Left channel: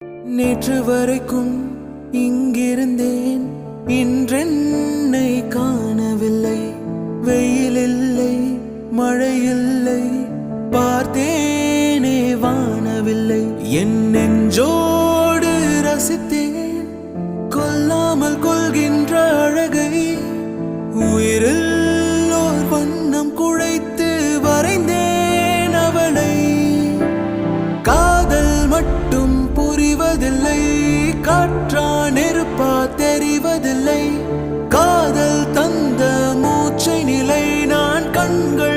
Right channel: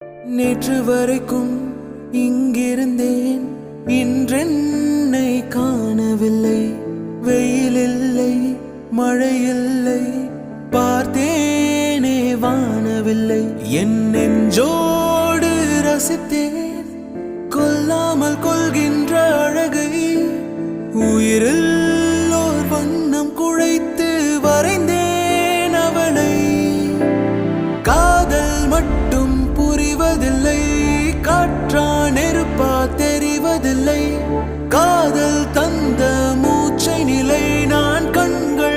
நேற்று வரைக்கும் இங்கிருந்தேன், இன்றென்னை காணவில்லை. வெயில் இல்லை, மழை இல்லை, பார்த்தேனே வானவில்லை. என் நெஞ்சோடு ரசித்தேன் கொல்லாமல் கொள்கின்ற அழகை. உயிரில் ஓர் வண்ணம் குழைத்து வரைந்தேன் அவளை. காதல் மட்டும் புரிவதில்லை, காற்றா நெருப்பா தெரிவதில்லை. காதல் தந்த மூச்சை நிலை நான் கண்கள்